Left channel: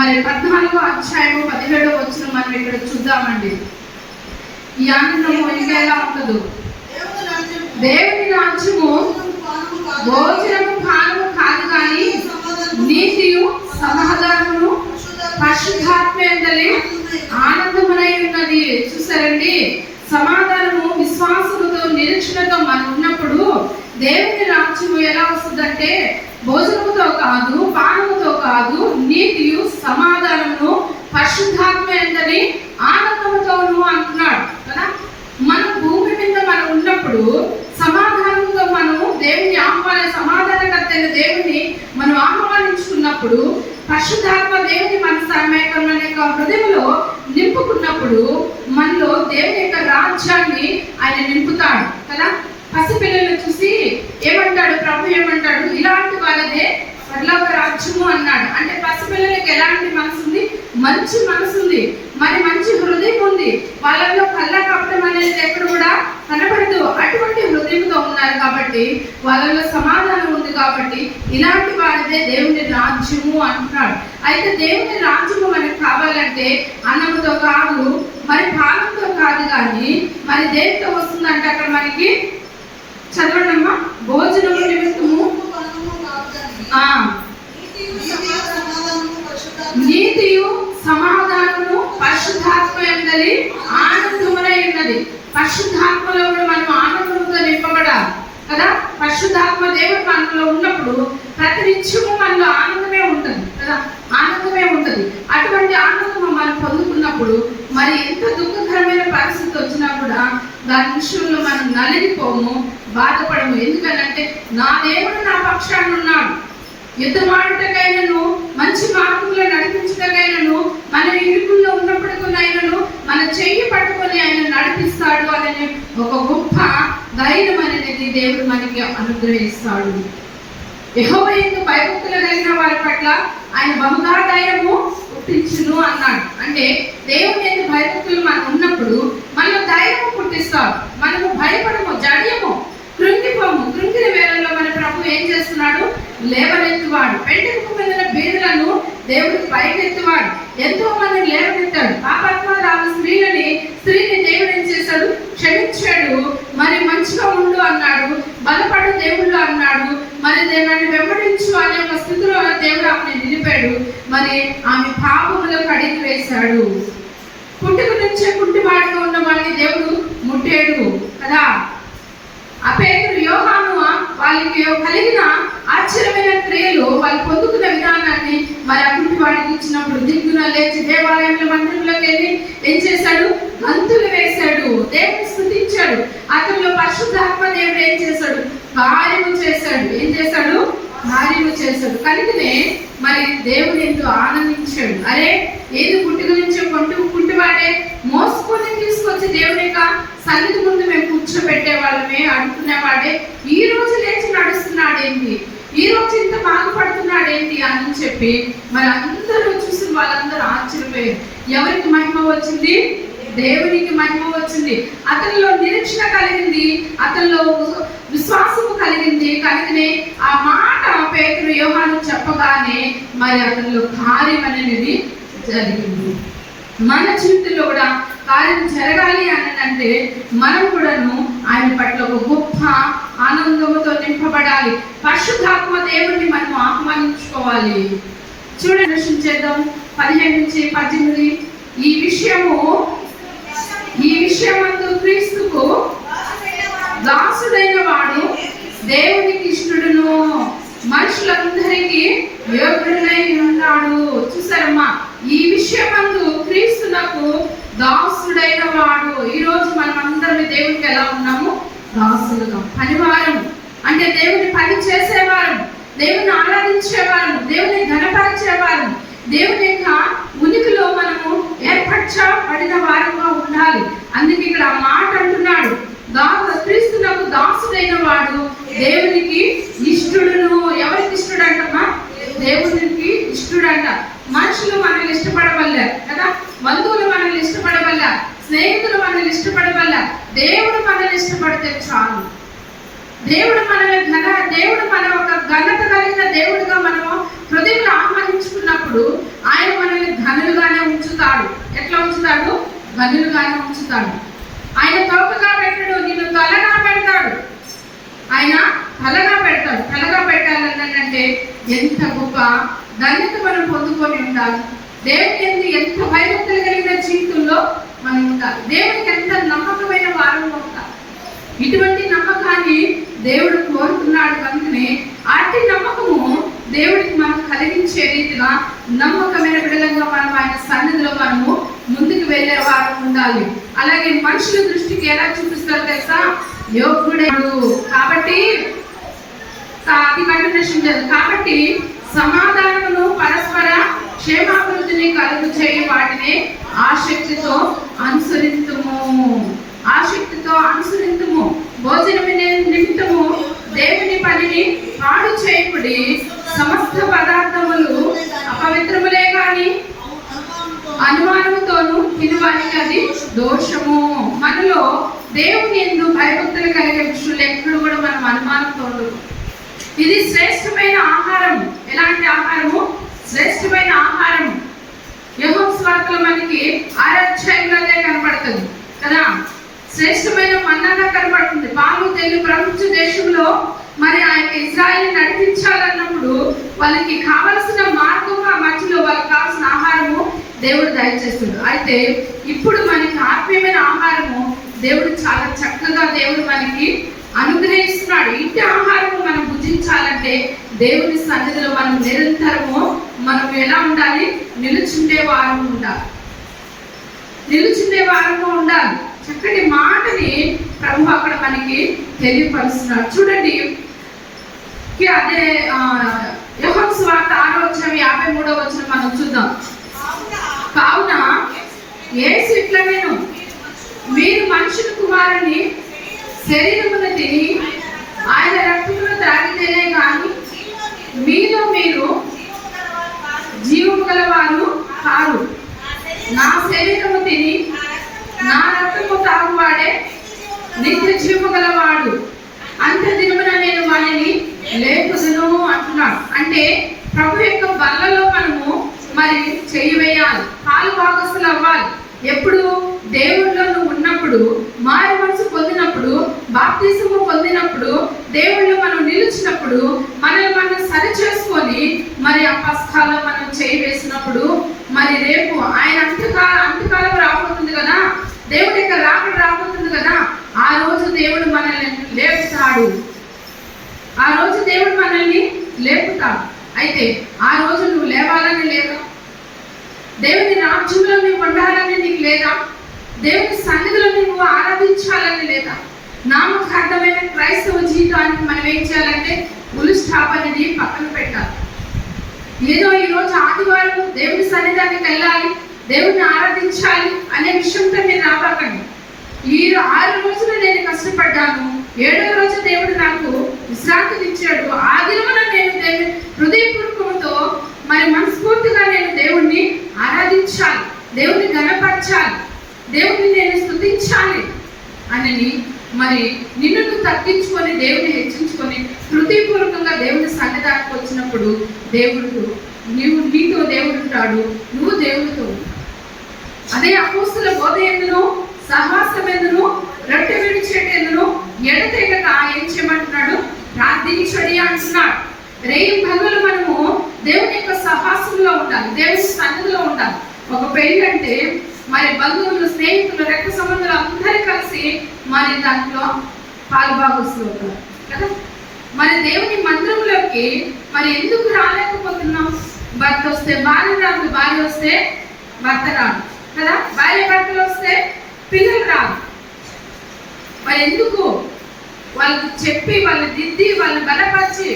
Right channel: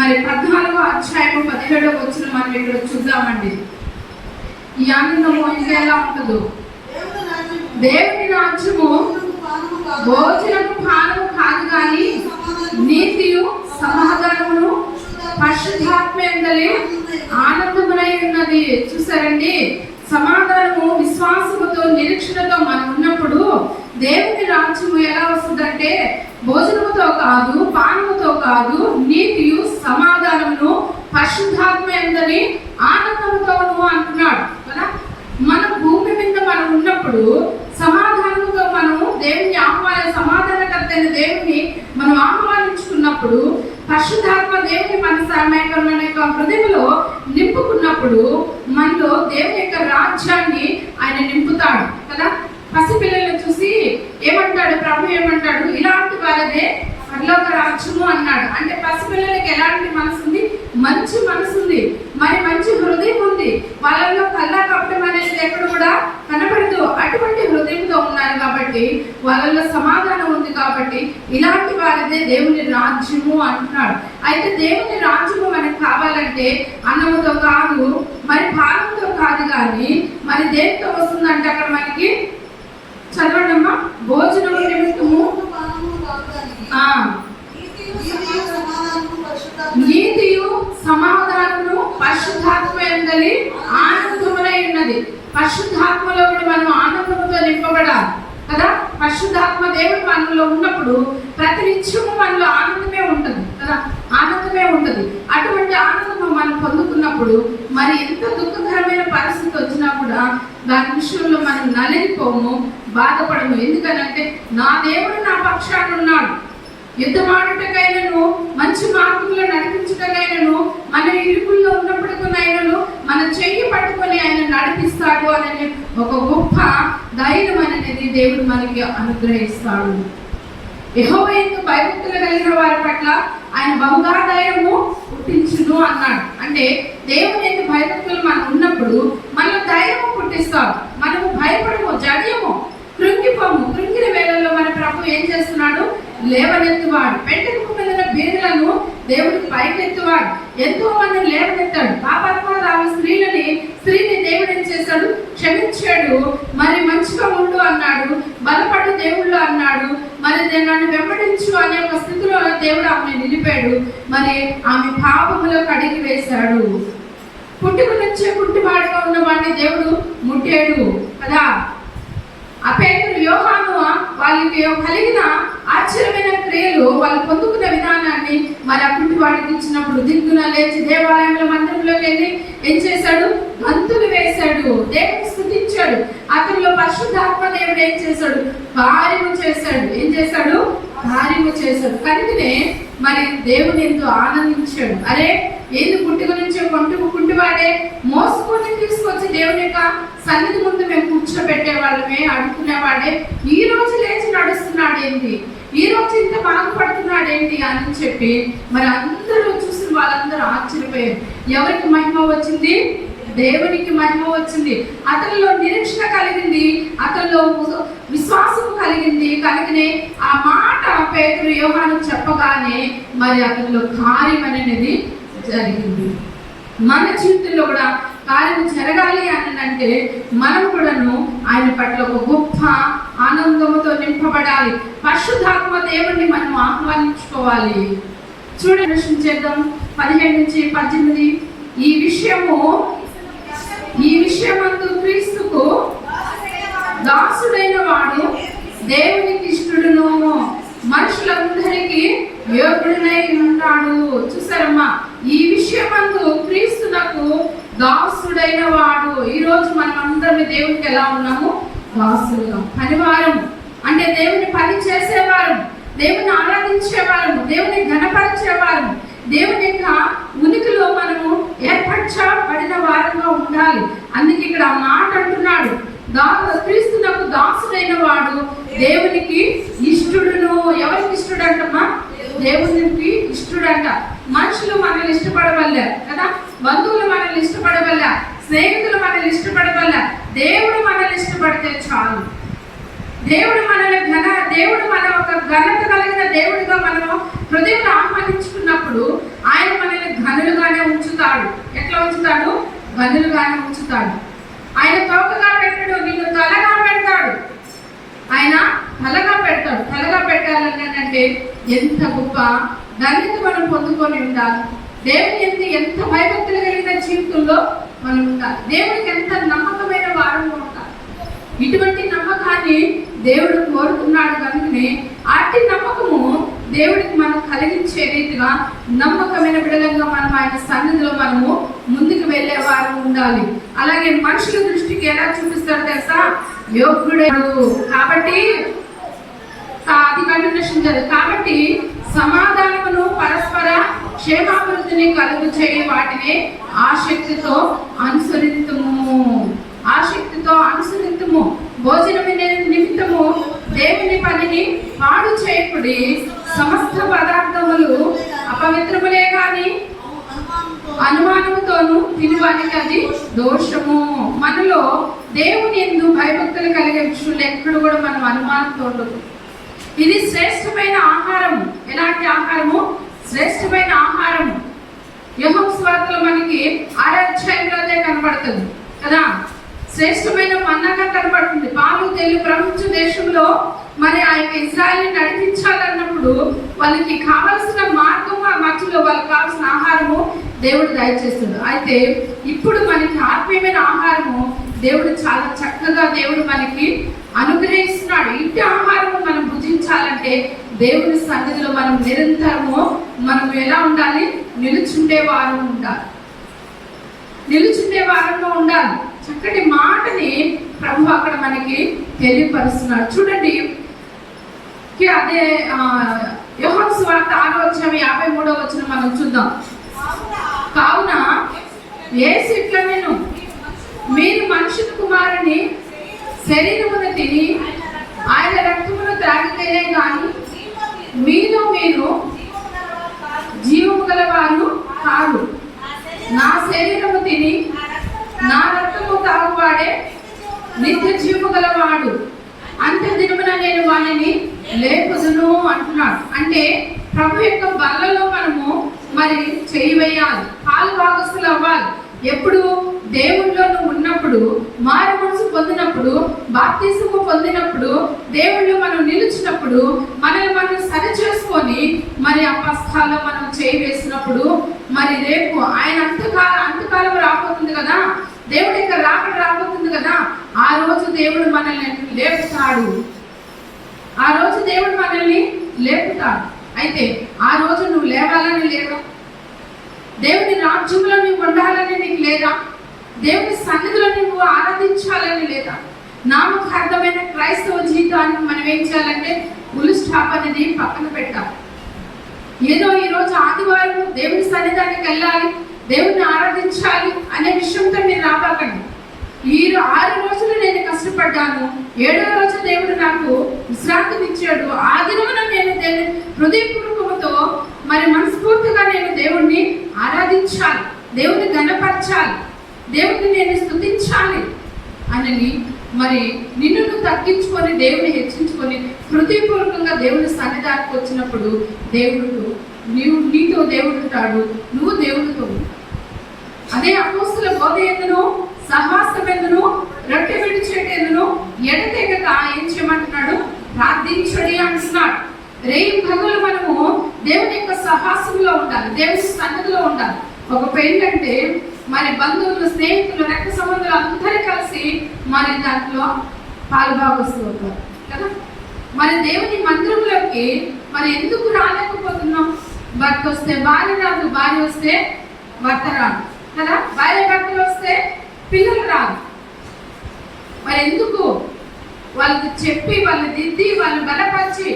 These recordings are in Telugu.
మరి పద్నాలుగో అధ్యాయము పదిహేడో వచ్చిన మనం ఇక్కడ చూద్దామండి. ఈ ఆనందము ఇంకా ఎలా ఉండదు దేవుని రాజ్యము భోజనము పానము కాదు. కానీ నీతియు సమాధానము పరిశుద్ధ ఆనందమునై ఉన్నది. చూసారండి? సమాధానము విశ్వాసముతో నిరీక్షణతో మనం ఉన్నప్పుడు దేవుని రాజ్యము ఎలా వస్తుందంటే భోజనముతో కాదు పానము కాదు నీతియు సమాధానమును పరిశుద్ధాత్మ ఎందని ఆనందముతోను అంటున్నాడు కదా? మన భూమి మీద మనం ఉన్నప్పుడు సమాధానంతో మనము దేవుని ఆహ్వాన సమాధానకర్త అయిన దేవుని మనం ఆహ్వానించుకున్నప్పుడు పరిశుద్ధాత్మ దేవుని మన సమయం మన యొక్క హృదయంలో నింపుకున్నప్పుడు మనలో దేవుని యొక్క రాజ్యాన్ని ఆయన నింపుతాడు కదా? పసిపిల్లలు చూసి ఏమంటాడు ప్రభు ఏమంటాడు ఇలాంటి వాళ్ళదే రాజ్యము అన్నాడు. అంటే పసిపిల్లలకి ఎలాంటి మనసు ఉంది? మంచి మనసు ఉంది. మరి మంచి హృదయం ఉంది. వాళ్ళలో కళ్ళ కప్పడం అనేది ఎక్కడ కూడా కనపడదు. అటువంటి హృదయంతో ఉన్నారు కాబట్టి వాళ్ళలో సమాధానం ఉంది కాబట్టి ఇలాంటి వారిదే దేవుని రాజ్యము అంటున్నాడు. అయితే దేవుని రాజ్యము మనకు కావాలంటే అన్నముతో కాదు మరి పాలంతో కాదు కానీ మరి దేనితో వస్తుందంటే అక్కడ మనకి చదవడమ్మా? భోజనము నిమిత్తము. ఆ. నీతియు సమాధానము పరిశుద్ధాత్మ ఎందలి ఆనందములై ఉన్నది. పరిశుద్ధాత్మలో కూడా మనం ఆనందంతో నింపబడాలి. కదా? పరిశుద్ధాత్మ దేవుడు మనలో ఉన్నప్పుడు ప్రతి నిత్యము మనలో ఆనందమే ఉంటుంది. కదా? ఆనందమే ఉంటుంది. అటువంటి ఆనందము మనం పొందుకున్నప్పుడు మరి ఎంత దుఃఖకరమైన పరిస్థితి వచ్చినా కూడా దాని విషయంలో మనం నలిగిపోము బాధపడము. ఎందుకనంటే నా దేవుడు నా పక్షాన్ని ఉన్నాడు. యుద్ధమాడుటకైనను మంచి మార్గంలో నడిపించటకైనను మన ఇరుకుల్లో ఉన్నప్పటికైనను మన చెయ్యి పట్టుకొని ఆయన నడిపిస్తాడు అనే ఒక గొప్ప ధైర్యం అనేది దేవుడు మనకి అనుగ్రహిస్తాడు. యెహోవాయందు భయభక్తులు కలిగిన వారి పట్ల ఆయన బహుగా ధైర్యము పుట్టించును అన్నాడు. అంటే దేవుని ఎందు భయభక్తులు మనం ఉన్నప్పుడు మనలో ధైర్యము పుట్టిస్తాడు మనము భయపడము జడియము కృంగిపోము కృంగిన వేళల్లో మన ప్రభు ఏం చేస్తున్నాడు లేవనెత్తువాడు. పెంటకు పిల్లల బీదలను దేవుడు పైకెత్తువాడు. ఎంతో మందిని లేవనెత్తాడు. పాపాత్మరాలు స్త్రీలని స్త్రీని దేవుడు ఏం చేశాడు? క్షమించాడు. మరి మంచిగా ఉండు అన్నాడు. బలపడు దేవుళ్ళు అన్నాడు. మరి నన్ను వెంబడించు అనే ఒక స్థితిలో దేవుడు ఆమె నిలిపాడు. మరి ఆమె పాపములో కడిగి వేశాడు. పుట్టుక నుంచే పుట్టివాడుగా ఉన్న వాడిని దేవుడు ముట్టాడు కదా? ఆ పేరు యోగా వాళ్ళకి కలిగిన ఆశ్చర్యమైన క్రియలు వాళ్ళు పొందుకున్న విధానాన్ని మరి అప్పుడు వాడికి ఇచ్చినప్పుడు దిగ్గున లేచి దేవాలయంలో మందిరంలోకి వెళ్ళి ఏం చేశాడు? గంతులు వేశాడు. దేవుని స్థుతించాడు. అతనిలో పరిశుద్ధాత్మ దేవుడు ఏం చేశాడు? కార్యము చేశాడు. ఏం చేశాడు? కార్యము చేశాడు. కనుకనే మరి దేవుని ఎంతో ఆనందించాడు. అరే ఏది పుట్టుక గురించి కొంటు గుంటివాడే మోసుకొని తీసుకొచ్చి దేవుని యొక్క సన్నిధి ముందు మేము కూర్చోబెట్టే వాళ్ళమే అడుగుతున్నవాడే ఈ రోజు లేచి నడుస్తున్నాడేంటి? ఈ రోజు ఇంత బాధపడుతున్నాడేంటి? అని చెప్పి మరి అందరూ చూసి వాళ్ళందరూ ఆశ్చర్యపోయారు. ఎవరికి మహిమ వచ్చింది? దేవునికి మహిమ వచ్చింది. అతనిలో నిరీక్షణ కలిగింది అతనిలో విశ్వాసము కలిగింది. కలిగినే ఆ మాట పేతులు యోహాను చెప్పగానే మరి అతనిలో కార్యం అనేది జరిగింది. మన జీవితంలో కూడా కార్యం జరగాలి అని అంటే మనం కూడాను ఆయన పట్ల ఒక గొప్ప ఆనందముతో నింపబడాలి. పరిశుద్ధాత్మ దేవుడిని మనం ఆహ్వానించుకోవాలి. చూడండి చేద్దాం. పదిహేను నుంచి పద్దెనిమిది. ఈ విషయము ఈ విషయమందు క్రీస్తుకు దాసుడైన వాడు దేవునికి ఇష్టడును మనుషులందరికీ యోగుడునై ఉంటాడు. చూసారమ్మా ఈ విషయమందు క్రీస్తునకు దాసుడైన వాడు. ఈరోజు మనం అందరం దేవునికి ఎలా ఉన్నాము? దాసులుగా. పనివారం అంటే దేవుని పని చేసేవారు దేవుని ఆరాధించేవారు దేవుని ఘనపరిచేవారు దేవుని యొక్క ఉనికిలో మనము ఏర్పరచబడిన వారంగా ఉండాలి. అందుకే ఇక్కడ ఆ మాట అంటున్నాడు. దాసు క్రీస్తునకు దాసుడైన వాడు దేవునికి ఇష్టడును. ఎవరికి ఇష్టడు అంటమ్మా దేవునికి ఇష్టడంట. మనుషులు మనల్ని ఇష్టపడవల్లే కదా? బంధువులు మనల్ని స్నేహితులు మనల్ని ఇష్టపడవల్ల దేవుడు మనల్ని ఇష్టపడితే చాలు. దేవుడు మనల్ని ఘన దేవుడు మన ఒక ఘనత కలిగిన దేవుడుగా మనం హృదయం ఆహ్వానించుకున్నప్పుడు ఆయన మనల్ని ఘనులుగానే ఉంచుతాడు. ఎట్లా ఉంచుతాడు? ఘనులుగానే ఉంచుతాడు. ఆయన తోకగా పెట్టడు నిన్ను తలగా పెడతాడు. ఆయన తలగా పెడతాడు. తలగా పెట్టాలన్నంటే ఎంత గొప్ప ధన్యత మనం పొందుకొని ఉండాలి. దేవుని ఎంత భయభక్తులు కలిగిన జీవితంలో మనం ఉండాలి దేవుడికి ఎంత నమ్మకమైన వారం ఉండాలి ఇటువంటి నమ్మకాన్ని దేవుడు కోరుతున్నాడు కనుకనే అట్టి నమ్మకము దేవుడికి మనం కలిగించే రీతిగా నమ్మకమైన విడలంగా మనం ఆయన సన్నిధిలో మనము ముందుకు వెళ్ళే వారం ఉండాలి. అలాగే మనుషుల దృష్టికి ఎలా చూపిస్తారు తెలుసా? యోగుడు కాబట్టి అది కంటిన్యూషన్ చేయాలి. కాబట్టి సమాధానమును పరస్పర క్షేమాభివృద్ధిని కలుగు చేయి వాటిని ఆసక్తితో అనుసరింతుము. ఆసక్తితో అనుసరింతుము. భోజనం నిమిత్తము దేవుని పనిని పాడు చేయకుడి సమస్త పదార్థములు అపవిత్రములే కాని అనుమానముతోను తినవానికి అది దోషము. మనలో దేవుని ఎందు భయభక్తులు కలిగే విషయంలో ఎక్కడ కూడా మనం అనుమానంతో ఉండదు ఇది శ్రేష్టమైన ఆహారము ఎలాంటి ఆహారము? శ్రేష్టమైన మనకి ఆరాధ్యాయంలో కనపడుతుంది కదా? శ్రేష్టమైన మన్నగా కనపడుతుంది. పాము తెల్లు ప్రపంచ దేశంలో మరి ఆ యొక్క ఇజ్రాయల్ నడిపించాలన్నప్పుడు వాళ్ళకి కావలసిన మార్గం ఆ మధ్యలో వాళ్ళకి కావాల్సిన ఆహారము దేవుడు దయచేస్తుంది అయితే ఇప్పుడు మనకి ఆత్మీయమైన ఆహారము దేవుడు చాలా చక్కగా దేవుడు మనకి అనుగ్రహిస్తున్నాడు. ఇంటి ఆహారము మనం భుజించాలంటే దేవుని సన్నిధిలో మనం నిరంతరము మనం ఎలా ఉండాలి? నిలుచుండే వారం ఉండాలి. నిలుచుండే వారంగా ఉండాలి. చక్కటి మాటని ప్రభు అక్కడ మనకి తెలియపరుస్తున్నాడు. చూడండి. కి అదే యహోన్ స్వార్థ ఆరో వచ్చిన యాభై మూడో వచ్చిన మనం చూద్దాం. కావున ఏసు ఇట్లా నేను మీరు మనుషుని కుమారుని శరీరమున తిని ఆయన రక్తమును త్రాగితేనే కానీ మీలో మీరు జీవము గలవారు కారు. నా శరీరము తిని నా రక్తము తాగువాడే నిత్య జీవము గలవాడు అంత దినమున నేను వారిని లేపుదును అంటున్నాడు అంటే ప్రభు యొక్క బల్లలో మనము మరి చేయి వేయాలి పాలు భాగస్తులు అవ్వాలి ఎప్పుడు దేవుళ్ళలో నువ్వు ఉన్నప్పుడు మారు మనసు పొందినప్పుడు బాప్తీసము పొందినప్పుడు దేవుళ్ళు మనం నిలిచినప్పుడు మనల్ని మనం సరి చేసుకొని మరి ఆ పస్థాలో మనం చేయి వేసినప్పుడు మరి రేపు ఆయన అంతకాల అంతకాలం రాబోతుంది కదా? దేవుడి యొక్క రాకడ రాబోతుంది కదా? ఆ రోజు దేవుడు మనల్ని లేపుతాడు. ఆ రోజు దేవుడు మనల్ని లేపుతాడు. అయితే ఆ రోజు నువ్వు లేవాలని లేదా? దేవుని రాజ్యంలో నువ్వు ఉండాలని నీకు లేదా? దేవుని సన్నిధిలో నువ్వు ఆరాధించాలని లేదా? నామకార్థమైన క్రైస్తవ జీవితానికి మనం ఏం చేయాలంటే ఉలు స్టాప్ అనేది పక్కన పెట్టాలి. ఏదో ఈ రోజు ఆదివారం దేవుని సన్నిధానికి వెళ్ళాలి దేవుని ఆరాధించాలి అనే విషయంతో మీరు రాబాకండి ఈ ఆరు రోజులు నేను కష్టపడ్డాను. ఏడో రోజు దేవుడు నాకు విశ్రాంతిని ఇచ్చాడు. ఆ దినమున నేను దేవుని హృదయపూర్వకముతో మరి మనస్ఫూర్తిగా నేను దేవుణ్ణి ఆరాధించాలి దేవుని గణపరచాలి దేవుణ్ణి నేను స్థుతించాలి అని మరి నిన్ను నువ్వు తగ్గించుకొని దేవుని హెచ్చించుకొని హృదయపూర్వకంగా దేవుని సన్నిధానికి వచ్చినప్పుడు దేవుడు నీవు నీతో దేవుడు ఉంటాడు నువ్వు దేవుడితో అదే అపోస్తుల బోధ ఎందును సహాసం ఎందును రొట్టె విడిచేటి ఎందును ఎడతెగక ఏం చేయమంటున్నాడు? ప్రార్థించడి అంటున్నాడు. రేయి పగలు మనము దేవుని యొక్క సహాసంలో ఉండాలి దేవుని సన్నిధిలో ఉండాలి. ఒక పెళ్ళి అంటే మరి బంధువులు స్నేహితులు రెక్క కలిసి మరి దాంట్లో పాలుభాగస్తులు అవుతారు కదా? మరి దేవుని మందిరంలోకి మరి ఎందుకు రాలేకపోతున్నాం? భర్త వస్తే భార్య రాదు భార్య వస్తే భర్త రాదు కదా? భార్య భర్తలు వస్తే పిల్లలు రాదు. మరి ఎందుకు? వాళ్ళకి చెప్పి వాళ్ళు దిద్ది వాళ్ళు బలపరిచి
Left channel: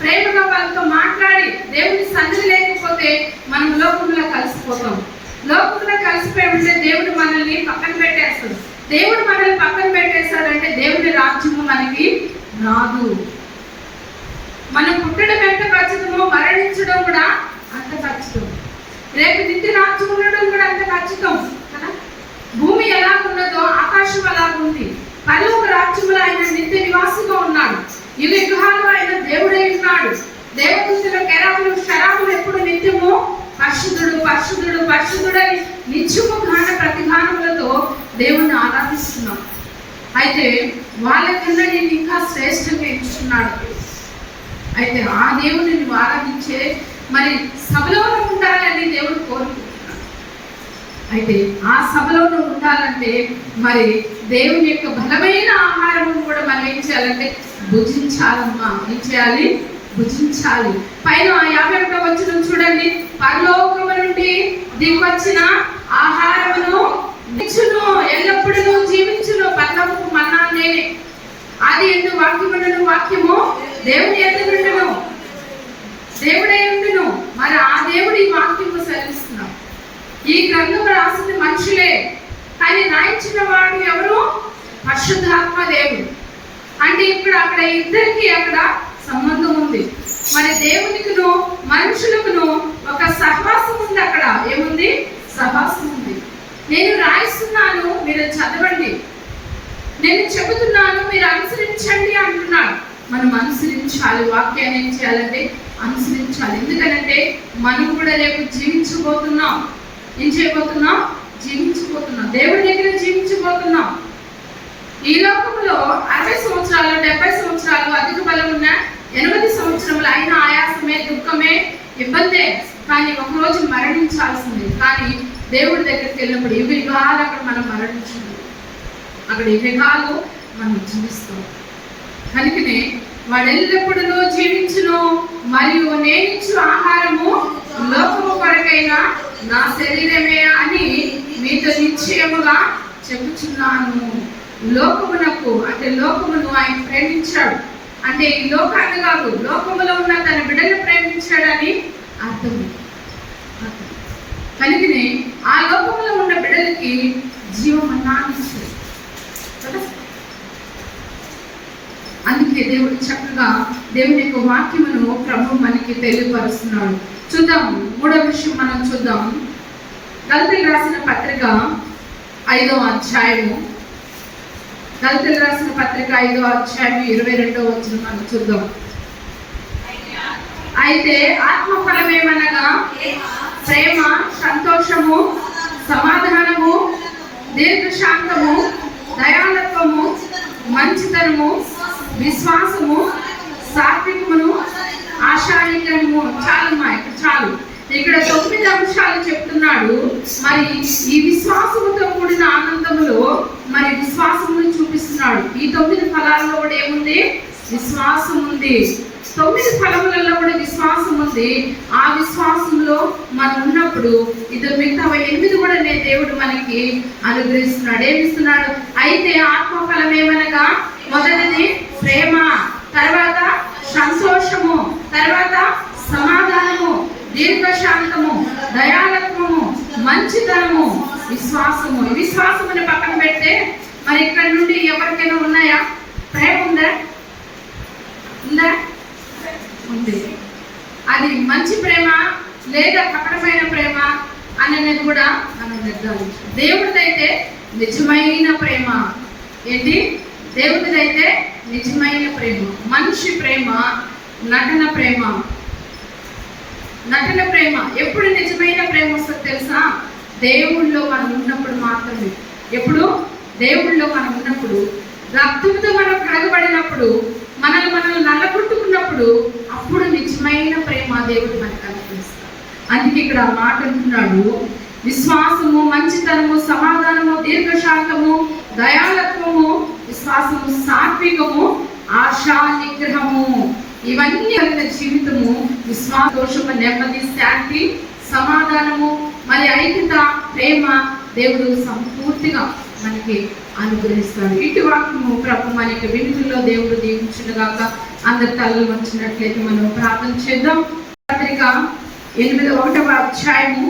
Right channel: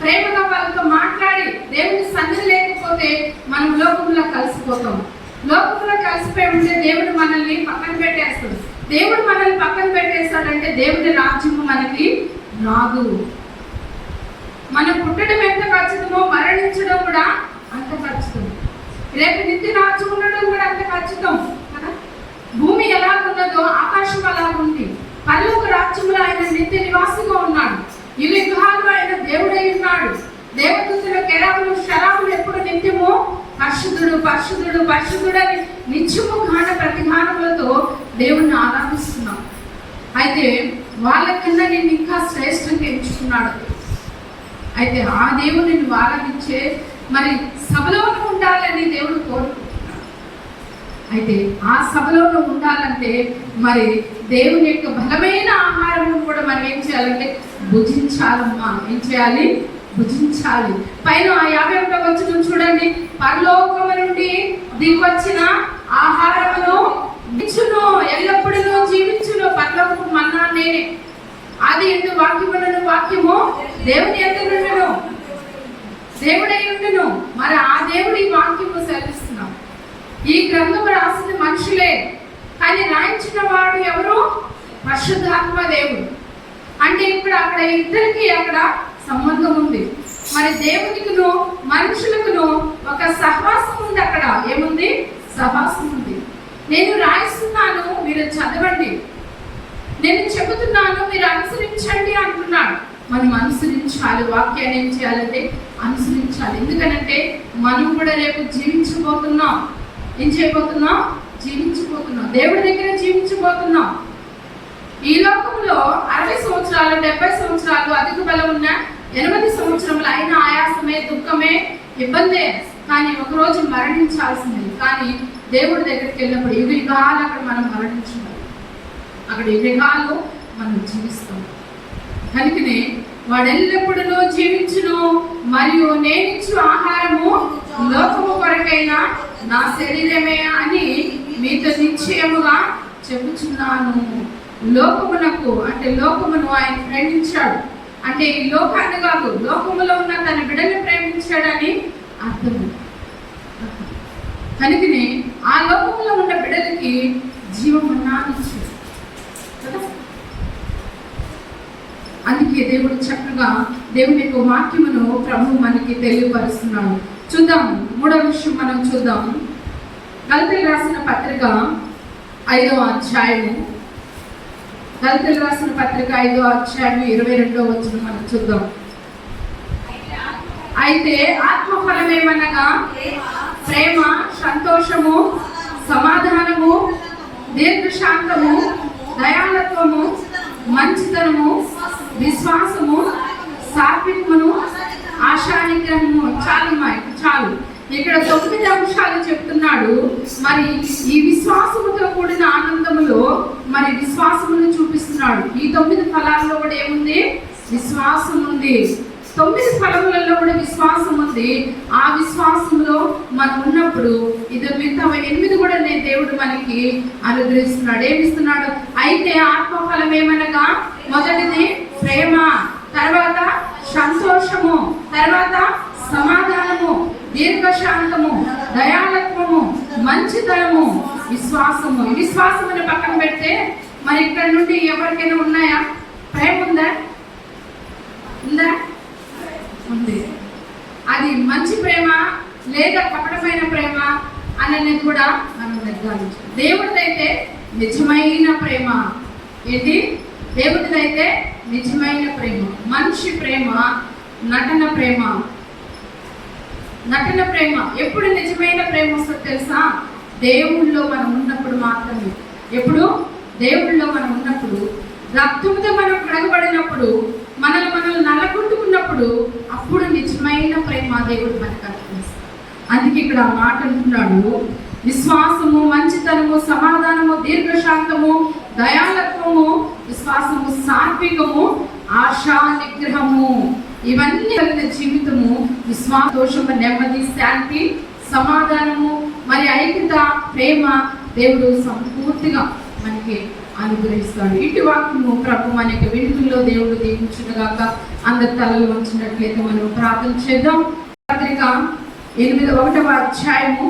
ప్రేమగా వాళ్ళతో మాట్లాడి దేవుని సంధి లేకపోతే మనం లోకంలో కలిసిపోతాం. లోకంలో కలిసిపోయి ఉంటే దేవుడు మనల్ని పక్కన పెట్టేస్తుంది దేవుడు మనల్ని పక్కన పెట్టేస్తాడంటే దేవుడి రాజ్యము మనకి రాదు. మనం పుట్టడం ఎంత ఖచ్చితమో మరణించడం కూడా అంత ఖచ్చితం. రేపు నిత్య రాజ్యం ఉండడం కూడా అంత ఖచ్చితం కదా? భూమి ఎలా ఉన్నదో ఆకాశం అలాగుంది పరలోక రాజ్యంలో ఆయన నిత్య నివాసిగా ఉన్నాడు. యుగ యుగాలు ఆయన దేవుడై ఉన్నాడు. దేవదూతుల కెరాములు శరాములు ఎప్పుడు నిత్యము పరిశుద్ధుడు పరిశుద్ధుడు పరిశుద్ధుడని నిత్యము గాన ప్రతిగానములతో దేవుణ్ణి ఆరాధిస్తున్నాం. అయితే వాళ్ళకన్నా నేను ఇంకా శ్రేష్టంగా ఎంచుకున్నాడు అయితే ఆ దేవుని నువ్వు ఆరాధించే మరి సభలో ఉండాలని దేవుడు కోరుకుంటున్నాడు. అయితే ఆ సభలో ఉండాలంటే మరి దేవుని యొక్క బలమైన ఆహారం కూడా మనం ఏం చేయాలంటే భుజించాలమ్మా. ఏం చేయాలి? భుజించాలి. పైన యాభై ఒకటో వచ్చిన చూడండి. పరలోకము నుండి దిగొచ్చిన ఆహారమును నిచ్చును ఎల్లప్పుడూ జీవించును పరలోకపు మన్నా నేనే. అది ఎందు వాక్యములను వాక్యము దేవుని ఎదురుండును దేవుడై ఉండును. మరి ఆ దేవుడి వాక్యము సరిస్తున్నాం ఈ గ్రంథం రాసింది మనుషులే కానీ రాయించిన వాడు ఎవరు? పరిశుద్ధాత్మ దేవుడు. అంటే ఇప్పుడు అక్కడ ఇద్దరికి అక్కడ సంబంధం ఉంది. మరి దేవునికిను మనుషులకును ఒక సహవాసం ఉంది అక్కడ. ఏముంది? సహవాసం ఉంది నేను రాయిస్తున్నాను మీరు చదవండి. నేను చెబుతున్నాను మీరు అనుసరించండి అంటున్నాడు. మనం అనుసరించాలి వాక్యాన్ని ఏం చేయాలంటే అనుసరించాలి. ఎందుకనంటే మనం కూడా రేపు జీవించబోతున్నాం. ఏం చేయబోతున్నాం? జీవించబోతున్నాం. దేవుడి దగ్గర జీవించబోతున్నాం. ఈ లోకంలో అరవై సంవత్సరాలు డెబ్బై సంవత్సరాలు అధిక బలం ఉన్న ఎనిమిది సంవత్సరములు అయిన ఆయాసమే దుఃఖమే ఇబ్బందే. కానీ ఒక రోజు మరణించాల్సిందే. కానీ దేవుడి దగ్గరికి వెళ్ళినప్పుడు యుగ యుగాలు అక్కడ మనం మరణించినాం అక్కడ యుగాలు మనం జీవిస్తాం. కనుకనే వాడు ఎల్లప్పుడూ జీవించును మరియు నేనిచ్చు ఆహారము లోకము కొరకైన నా శరీరమే అని మీతో నిశ్చయముగా చెబుతున్నాను లోకమునకు అంటే లోకమును ఆయన ప్రేమించాడు. అంటే ఈ లోకాన్ని కాదు లోకములో ఉన్న తన బిడ్డను ప్రేమించాడని అర్థం. అర్థం. కనుకనే ఆ లోకంలో ఉన్న బిడ్డలకి జీవమన్నాన్ని ఇచ్చాడు అందుకే దేవుడు చక్కగా దేవుని యొక్క వాక్యమును ప్రభు మనకి తెలియపరుస్తున్నాడు చూద్దాం మూడో విషయం మనం చూద్దాం. గల్తీ రాసిన పత్రిక ఐదో అధ్యాయము. గల్తీ రాసిన పత్రిక ఐదో అధ్యాయం ఇరవై రెండో వచ్చిన మనం చూద్దాం. అయితే ఆత్మఫలమేమనగా? ప్రేమ సంతోషము సమాధానము దీర్ఘశాంతము దయాళత్వము మంచితనము విశ్వాసము సాత్వికమును ఆశానిగ్రహము చాలు మా ఇక్కడ చాలు. ఇక్కడ తొమ్మిది అంశాలు చెప్తున్నాడు. మరి ఈ విశ్వాసముతో కూడిన ఆనందములో మరి విశ్వాసమును చూపిస్తున్నాడు. ఈ తొమ్మిది ఫలాల్లో కూడా ఏముంది? విశ్వాసం ఉంది తొమ్మిది ఫలములలో కూడా విశ్వాసం ఉంది. ఆ విశ్వాసంలో మనం ఉన్నప్పుడు ఇద్దరు మిగతా ఎనిమిది కూడా నేను దేవుడు మనకి అనుగ్రహిస్తున్నాడు. ఏమిస్తున్నాడు? అయితే ఆత్మఫలం ఏమనగా? మొదటిది ప్రేమ తర్వాత సంతోషము తర్వాత సమాధానము దీర్ఘశాంతము దయాలత్వము మంచితనము విశ్వాసము. విశ్వాసము విశ్వాసముని పక్కన పెడితే మరి ఇక్కడ నుండి ఎవరికైనా ఉన్నాయా ప్రేమ ఉందా ఉందా ఉంది అది మంచి ప్రేమ లేదా కపటమైన ప్రేమ అనేది కూడా మనం నిర్ధారించాలి దేవుడిదైతే నిజమైన ప్రేమ. ఏంటి? దేవుడిదైతే నిజమైన ప్రేమ. మనిషి ప్రేమ నటన ప్రేమ. నటన ప్రేమ. ఎప్పుడు నిజమైన ప్రేమ వస్తుంది తెలుసా? దేవుళ్ళో మనం ఉన్నప్పుడు మాత్రమే. ఎప్పుడు? దేవుళ్ళో మనం ఉన్నప్పుడు. రక్తంతో మనం కడగబడినప్పుడు మనల్ని మనల్ని నల్లగొట్టుకున్నప్పుడు అప్పుడు నిజమైన ప్రేమ దేవుడు మనకు కనిపిస్తుంది. అందుకే ఇక్కడ ఆ మాట అంటున్నాడు. విశ్వాసము మంచితనము సమాధానము దీర్ఘశాంతము దయాలత్వము విశ్వాసము సాత్వికము ఆశా నిగ్రహము. ఇవన్నీ కలిగిన జీవితము విశ్వాసోషము నెమ్మది శాంతి సమాధానము మరి ఐక్యత ప్రేమ దేవుడు సంపూర్తిగా మనకి అనుగ్రహిస్తాడు. ఇటు వాక్యము ప్రభు మన యొక్క వింటుల్లో దేవుడు దీవించుగాక అందరి తలలు వచ్చినట్లయితే మనం ప్రార్థన చేద్దాం. పత్రిక ఎనిమిది ఒకటవ అధ్యాయము